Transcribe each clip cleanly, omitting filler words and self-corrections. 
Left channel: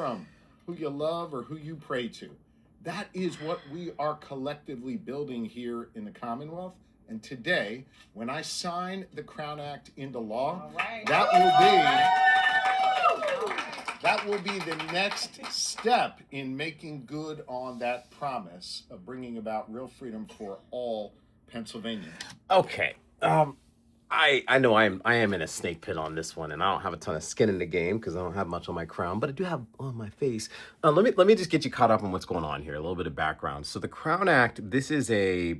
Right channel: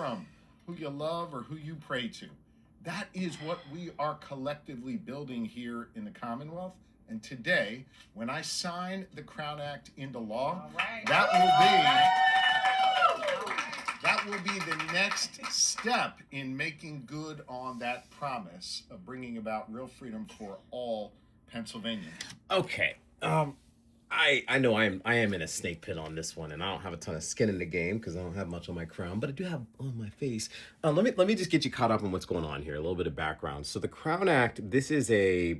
from, who you love, or who you pray to. That is what we are collectively building here in the Commonwealth. And today, when I sign the Crown Act into law, that will be the next step in making good on that promise of bringing about real freedom for all Pennsylvanians. Okay. I know I am in a snake pit on this one, and I don't have a ton of skin in the game because I don't have much on my crown, but I do have on my face. Let me just get you caught up on what's going on here. A little bit of background. So the Crown Act, this is a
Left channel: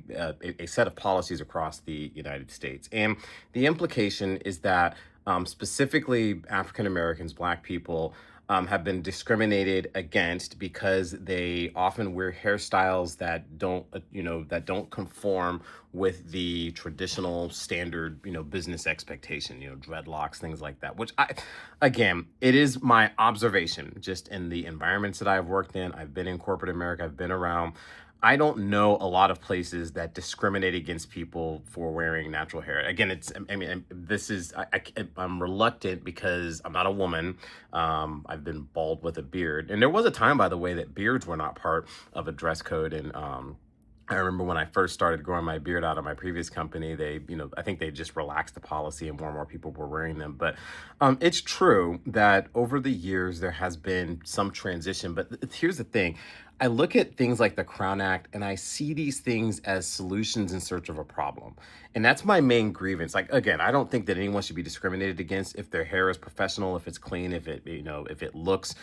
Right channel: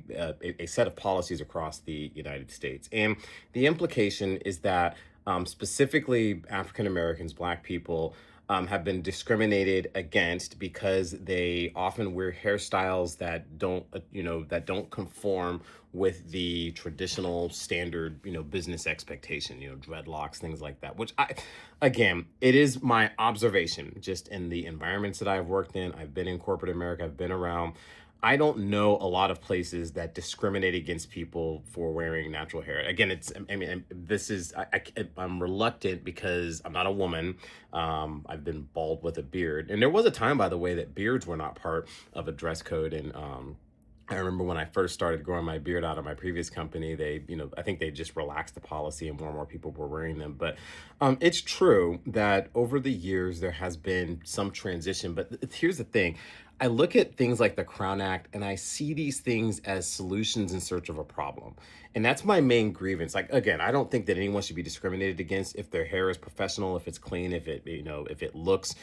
set of policies across the United States, and the implication is that specifically African Americans, Black people, have been discriminated against because they often wear hairstyles that don't conform with the traditional standard, business expectation, dreadlocks, things like that, which again, it is my observation just in the environments that I've worked in. I've been in corporate America. I've been around. I don't know a lot of places that discriminate against people for wearing natural hair. Again, I'm reluctant because I'm not a woman. I've been bald with a beard. And there was a time, by the way, that beards were not part of a dress code. And I remember when I first started growing my beard out of my previous company, I think they just relaxed the policy and more people were wearing them. But it's true that over the years, there has been some transition. But here's the thing. I look at things like the Crown Act and I see these things as solutions in search of a problem. And that's my main grievance. Like, again, I don't think that anyone should be discriminated against if their hair is professional, if it's clean, if it looks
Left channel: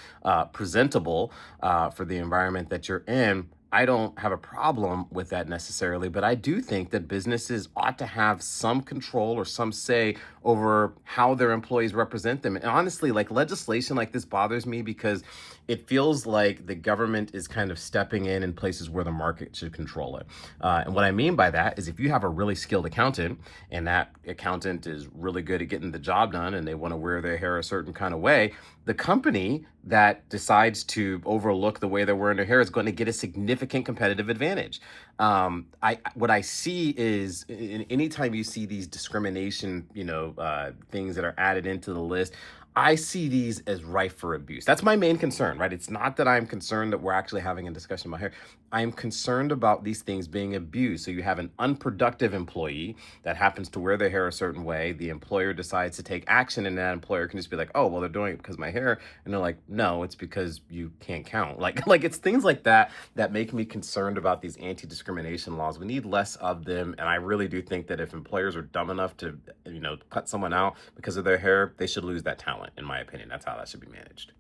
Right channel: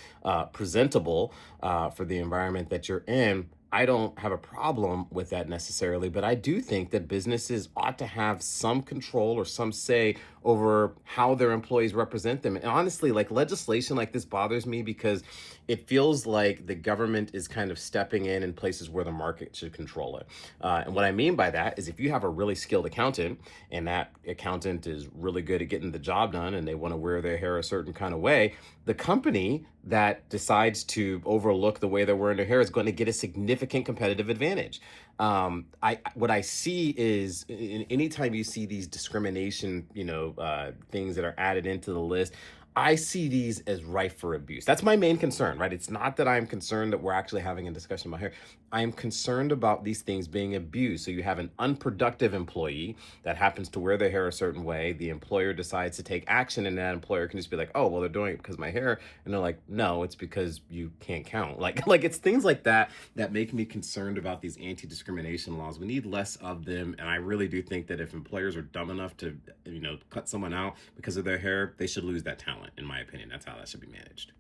presentable for the environment that you're in. I don't have a problem with that necessarily, but I do think that businesses ought to have some control or some say over how their employees represent them. And honestly, like legislation like this bothers me because it feels like the government is kind of stepping in places where the market should control it. And what I mean by that is if you have a really skilled accountant and that accountant is really good at getting the job done and they want to wear their hair a certain kind of way, the company that decides to overlook the way they're wearing their hair is going to get a significant competitive advantage. What I see is anytime you see these discrimination, things that are added into the list, I see these as rife for abuse. That's my main concern, right? It's not that I'm concerned that we're actually having a discussion about hair. I am concerned about these things being abused. So you have an unproductive employee that happens to wear their hair a certain way. The employer decides to take action, and that employer can just be like, "Oh, well, they're doing it because of my hair," and they're like, "No, it's because you can't count." Like it's things like that that make me concerned about these anti-discrimination laws. We need less of them, and I really do think that if employers are dumb enough to, cut someone out because of their hair, they should lose that talent. In my opinion, that's how that should be managed.